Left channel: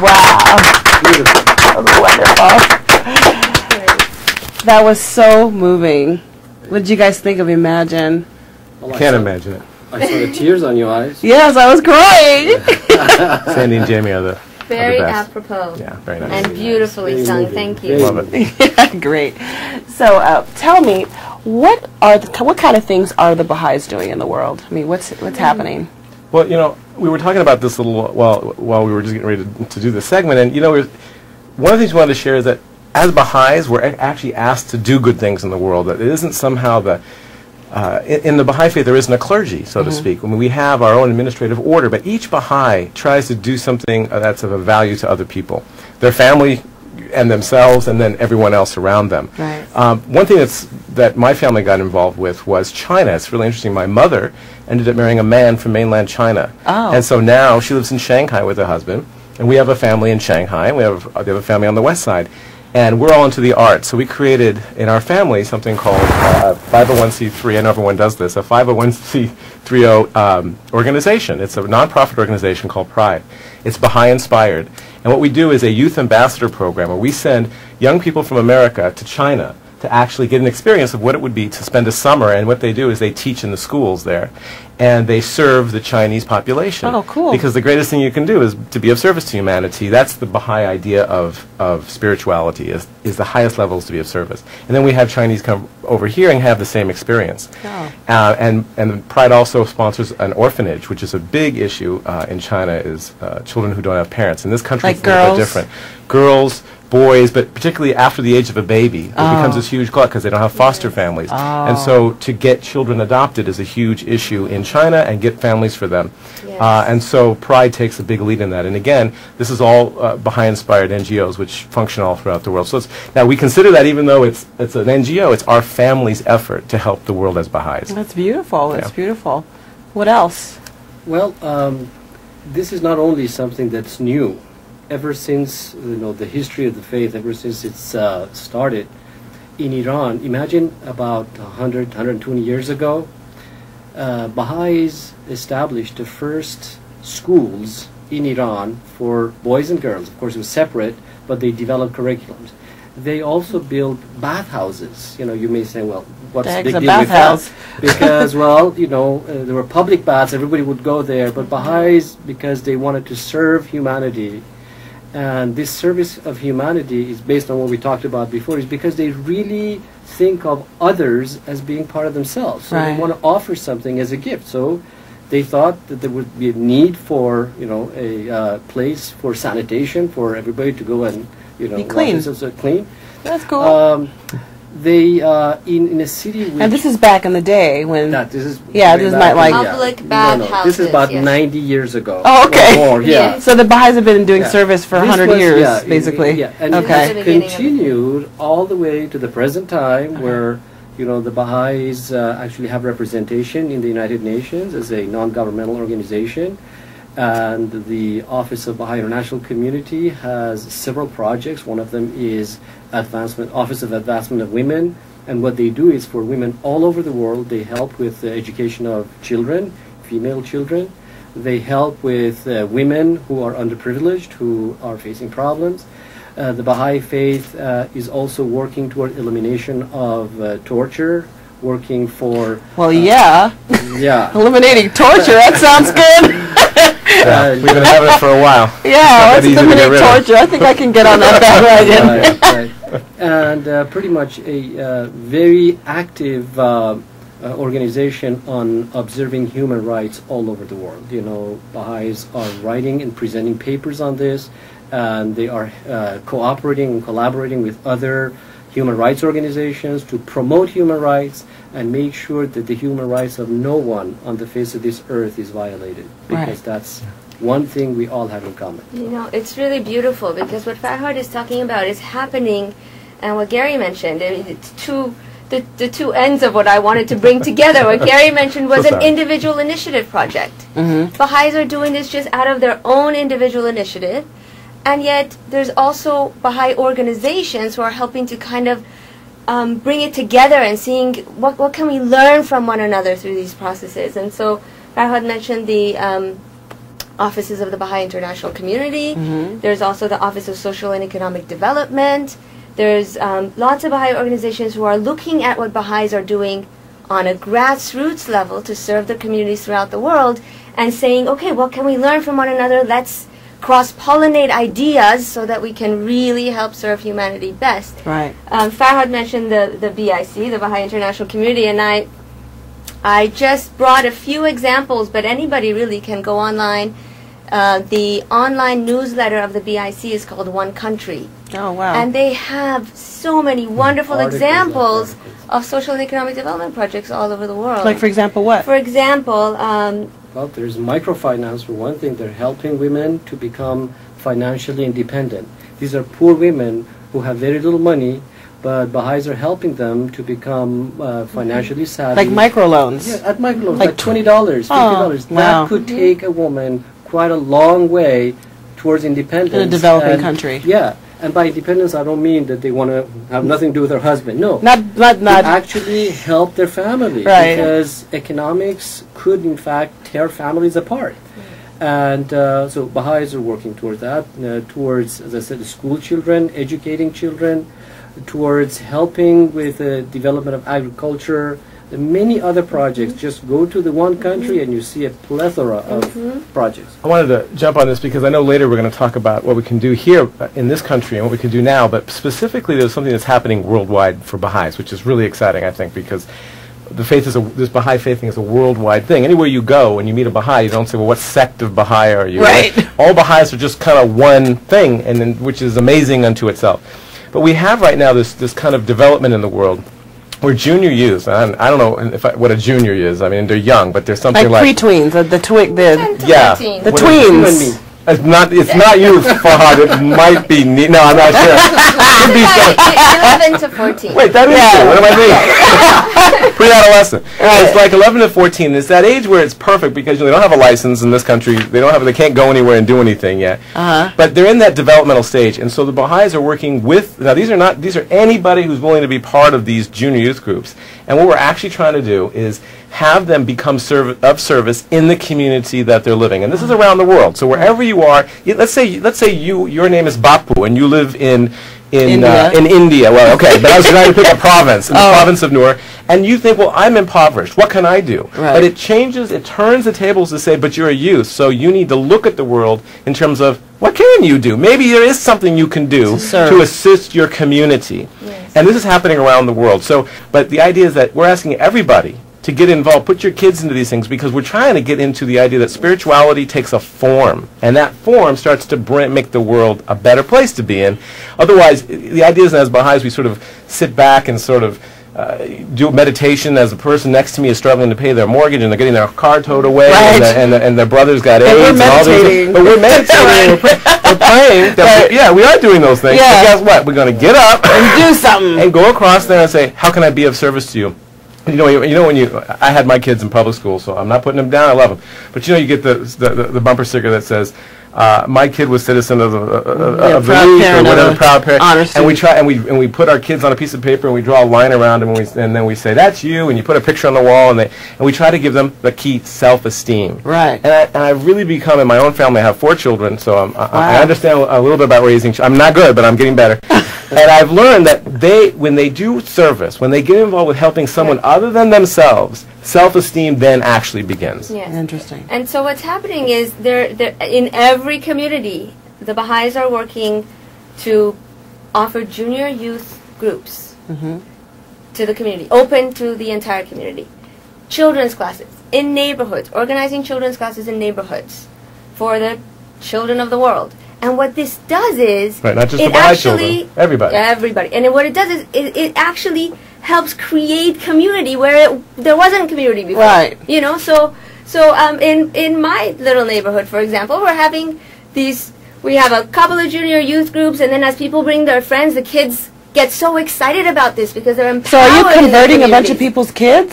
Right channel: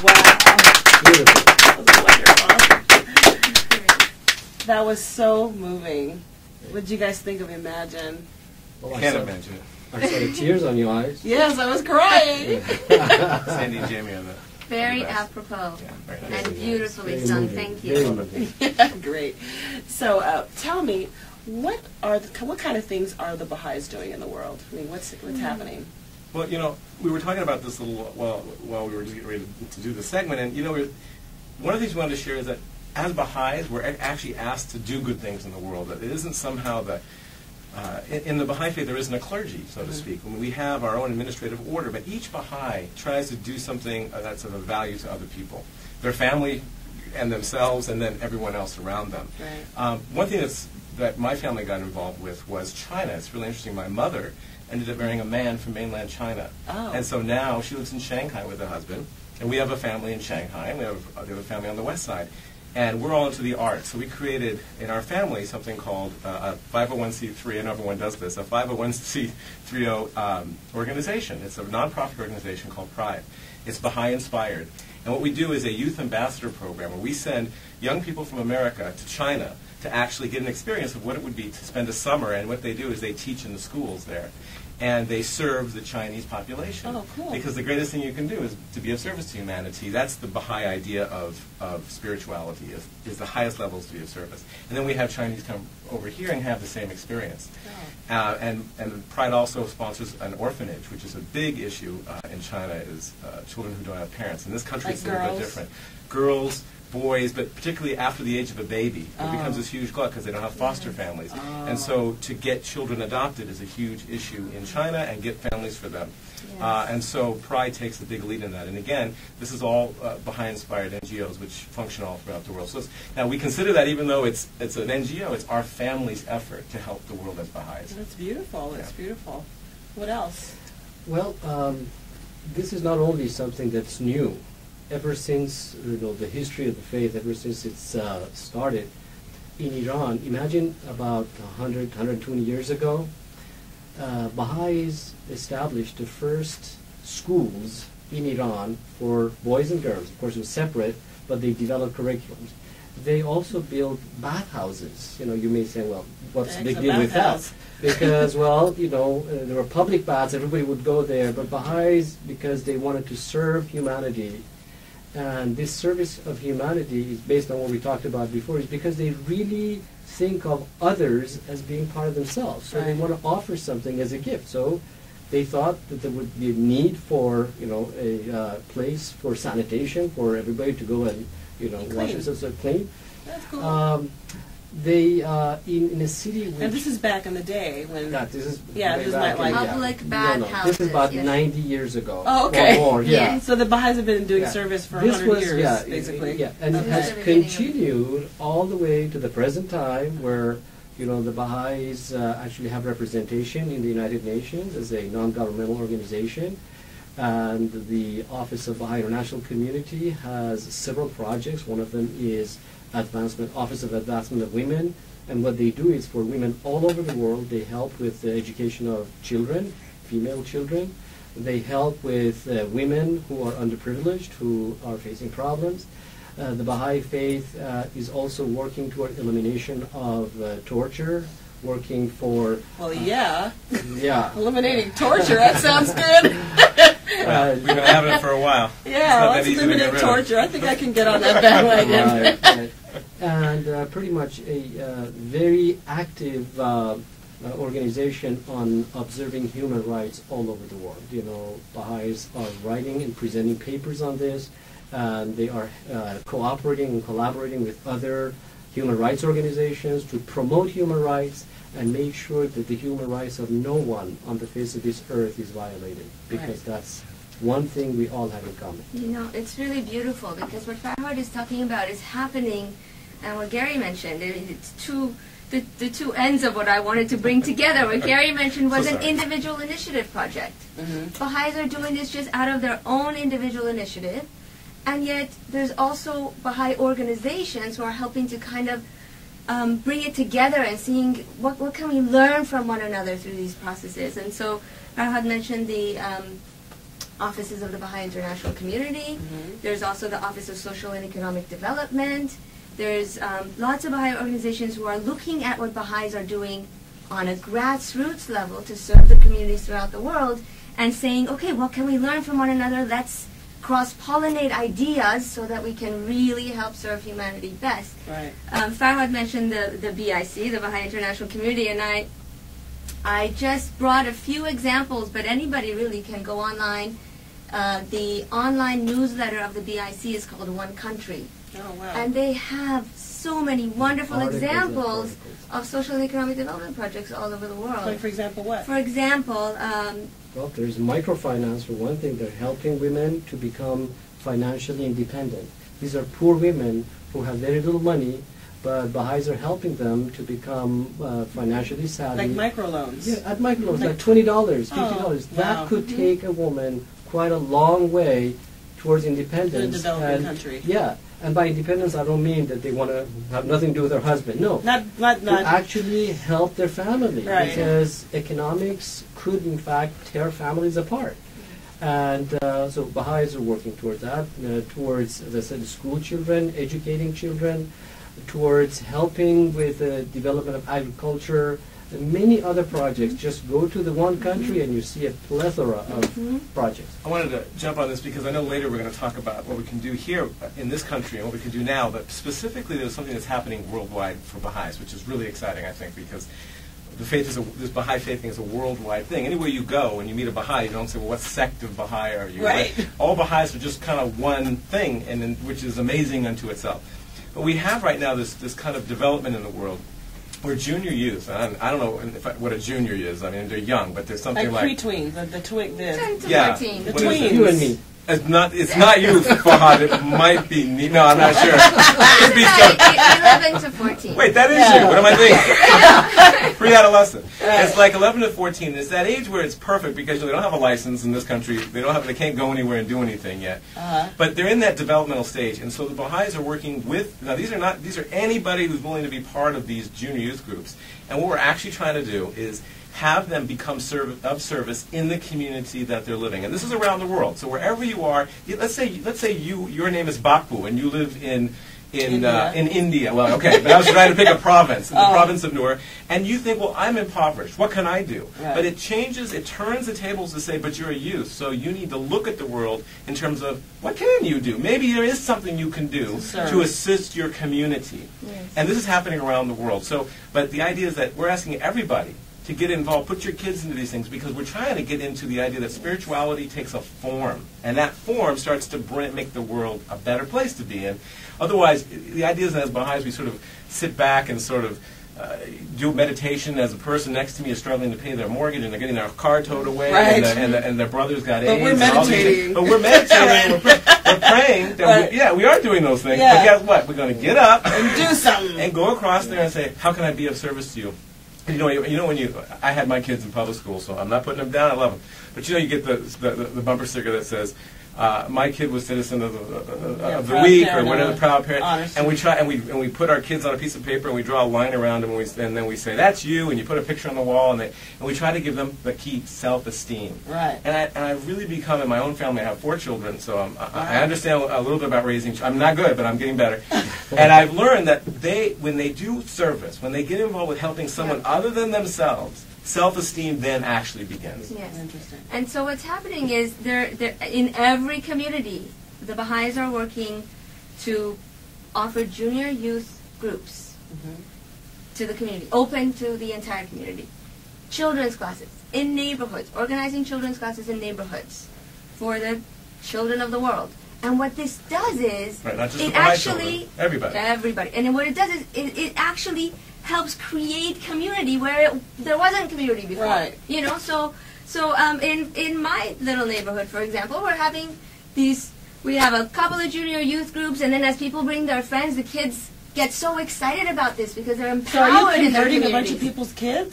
Wow. Beautiful. That was wonderful. That was so moving. What did you guys think of Imagine? Well, Can't imagine it. I saw the tears on your eyes. Yes, I was crying. Sandy and Jamie are the Very best. apropos. Yeah, very nice. And beautifully Very sung. moving. Thank you. Very Love it. Yeah, great. So tell me, what kind of things are the Baha'is doing in the world? I mean, what's happening? Well, you know, we were talking about this a little while we were just getting ready to do this segment, and you know, one of the things we wanted to share is that as Baha'is, we're actually asked to do good things in the world. That it isn't somehow the in the Baha'i faith there isn't a clergy, so to speak. I mean, we have our own administrative order, but each Baha'i tries to do something that's of a value to other people, their family and themselves, and then everyone else around them. Right. One thing that my family got involved with was China. It's really interesting. My mother ended up marrying a man from mainland China. Oh. And so now she lives in Shanghai with her husband, and we have a family in Shanghai, and they have a family on the west side. And we're all into the arts. So we created in our family something called 501c3. I know everyone does this, a 501c30 organization. It's a nonprofit organization called Pride. It's Baha'i inspired. And what we do is a youth ambassador program where we send young people from America to China to actually get an experience of what it would be to spend a summer. And what they do is they teach in the schools there. And they serve the Chinese population. Oh, cool. Because the greatest thing you can do is to be of service to humanity. That's the Baha'i idea of spirituality, is the highest levels to be of service. And then we have Chinese come over here and have the same experience. Oh. And Pride also sponsors an orphanage, which is a big issue in China, is children who don't have parents. In this country, Like it's a little girls? bit different. Girls, boys, but particularly after the age of a baby, it becomes this huge glut because they don't have foster families. And so to get children adopted is a huge issue in China and get families for them. Yes. And so Pride takes a big lead in that. And again, this is all Baha'i-inspired NGOs which function all throughout the world. So now we consider that even though it's an NGO, it's our family's effort to help the world as Baha'is. That's beautiful. That's Yeah. beautiful. What else? Well, this is not only something that's new. Ever since the history of the faith, ever since it's started in Iran, imagine about 100, 120 years ago, Baha'is established the first schools in Iran for boys and girls. Of course, it was separate, but they developed curriculums. They also built bathhouses. You may say, well, what's the big a deal with that? bathhouse? Because, well, there were public baths, everybody would go there, but Baha'is, because they wanted to serve humanity, and this service of humanity is based on what we talked about before, is because they really think of others as being part of themselves. So Right. they want to offer something as a gift. So they thought that there would be a need for, a place for sanitation for everybody to go and, Be wash clean. themselves, so clean. That's cool. They in a city which and this is back in the day when. this is Yeah, way this back might like- in- Public No, this is bathhouses, about yes. 90 years ago. Oh, okay. Or more, yeah. Yes. So the Baha'is have been doing Yeah. service for This 100 was- years, yeah, basically. Yeah, and Okay. it has The beginning of it. continued all the way to the present time, where the Baha'is actually have representation in the United Nations as a non-governmental organization, and the Office of Baha'i International Community has several projects. One of them is Office of Advancement of Women. And what they do is for women all over the world. They help with the education of children, female children. They help with women who are underprivileged, who are facing problems. The Baha'i faith is also working toward elimination of torture, working for... Well, yeah. Yeah. Eliminating torture, that sounds good. Yeah, we've been having it for a while. Yeah, Not let's easy to get eliminate rid of. torture. I think I can get on that bandwagon. Right. And pretty much a very active organization on observing human rights all over the world. Baha'is are writing and presenting papers on this, and they are cooperating and collaborating with other human rights organizations to promote human rights and make sure that the human rights of no one on the face of this earth is violated, because Right. that's one thing we all have in common. It's really beautiful because what Farhad is talking about is happening, and what Gary mentioned, it's the two ends of what I wanted to bring together. What Gary mentioned was So an sorry. individual initiative project. Mm-hmm. Baha'is are doing this just out of their own individual initiative, and yet there's also Baha'i organizations who are helping to kind of bring it together and seeing what can we learn from one another through these processes. And so Farhad mentioned the offices of the Baha'i International Community. Mm-hmm. There's also the Office of Social and Economic Development. There's lots of Baha'i organizations who are looking at what Baha'is are doing on a grassroots level to serve the communities throughout the world and saying, okay, what can we learn from one another? Let's cross-pollinate ideas so that we can really help serve humanity best. Right. Farhad mentioned the BIC, the Baha'i International Community, and I just brought a few examples, but anybody really can go online. The online newsletter of the BIC is called One Country. Oh, wow. And they have so many wonderful Articles examples after articles. of social and economic development projects all over the world. Like, for example, what? For example, Well, there's microfinance for one thing. They're helping women to become financially independent. These are poor women who have very little money, but Baha'is are helping them to become financially savvy. Like microloans. Yeah, at microloans, Like like $20, $50. Oh, wow. That could take a woman quite a long way towards independence. In a developing And- country. Yeah, and by independence, I don't mean that they want to have nothing to do with their husband. No. Not To actually help their family, Right. because economics could in fact tear families apart. And so Baha'is are working towards that, towards, as I said, school children, educating children, towards helping with the development of agriculture, and many other projects. Just go to the One Country and you see a plethora of projects. I wanted to jump on this because I know later we're going to talk about what we can do here in this country and what we can do now, but specifically there's something that's happening worldwide for Baha'is, which is really exciting, I think, because the faith is this Baha'i faith thing is a worldwide thing. Anywhere you go and you meet a Baha'i, you don't say, well, what sect of Baha'i are you? Right. All Baha'is are just kind of one thing, and then, which is amazing unto itself. But we have right now this kind of development in the world where junior youth, and I don't know what a junior is. I mean, they're young, but there's something like like pre-tweens, the 10 to yeah. 14. the What is You and tweens. me. It's not you, Fahad. It might be no, I'm not sure. Could be some- 11 to 14. Wait, that is Yeah. you. What am I reading? Pre-adolescent. It's like 11 to 14. It's that age where it's perfect because they don't have a license in this country. They can't go anywhere and do anything yet. Uh-huh. But they're in that developmental stage, and so the Baha'is are working with. Now these are anybody who's willing to be part of these junior youth groups. And what we're actually trying to do is have them become of service in the community that they're living. And this is around the world. So wherever you are, let's say your name is Bapu and you live in India. in India. Well, okay, but I was trying to pick a province, in the province of Noor, and you think, well, I'm impoverished. What can I do? Right. But it turns the tables to say, but you're a youth, so you need to look at the world in terms of, what can you do? Maybe there is something you can do serve. to assist your community. Yes. And this is happening around the world. So, but the idea is that we're asking everybody to get involved, put your kids into these things, because we're trying to get into the idea that spirituality takes a form, and that form starts to make the world a better place to be in. Otherwise, the idea is, as Baha'is, we sort of sit back and sort of do meditation as the person next to me is struggling to pay their mortgage and they're getting their car towed away, Right. and their brother's got But AIDS. we're and all these meditating. things. But we're meditating. We're praying. Right. Yeah, we are doing those things. Yeah. But guess what? We're going to get up Do something. and go across there and say, how can I be of service to you? You know when I had my kids in public school, so I'm not putting them down. I love them, but you get the bumper sticker that says, "My kid was citizen of the proud week," or parent whatever, of a proud parent. honor And we student. try and we put our kids on a piece of paper and we draw a line around them and then we say, "That's you," and you put a picture on the wall and we try to give them the key self-esteem. Right. And I've really become, in my own family, I have 4 children, so I Wow. understand a little bit about raising. I'm not good, but I'm getting better. And I've learned that when they do service, when they get involved with helping someone other than themselves, self-esteem then actually begins. Yes. Interesting. And so what's happening is in every community, the Baha'is are working to offer junior youth groups to the community, open to the entire community. Children's classes in neighborhoods, organizing children's classes in neighborhoods for the children of the world. And what this does is, Right, not just it the Baha'i actually, children, everybody. everybody. And what it does is, it actually helps create community where there wasn't community before. Right. So in my little neighborhood, for example, we're having we have a couple of junior youth groups, and then as people bring their friends, the kids get so excited about this because they're empowered. So are you in their converting a bunch of communities. people's kids?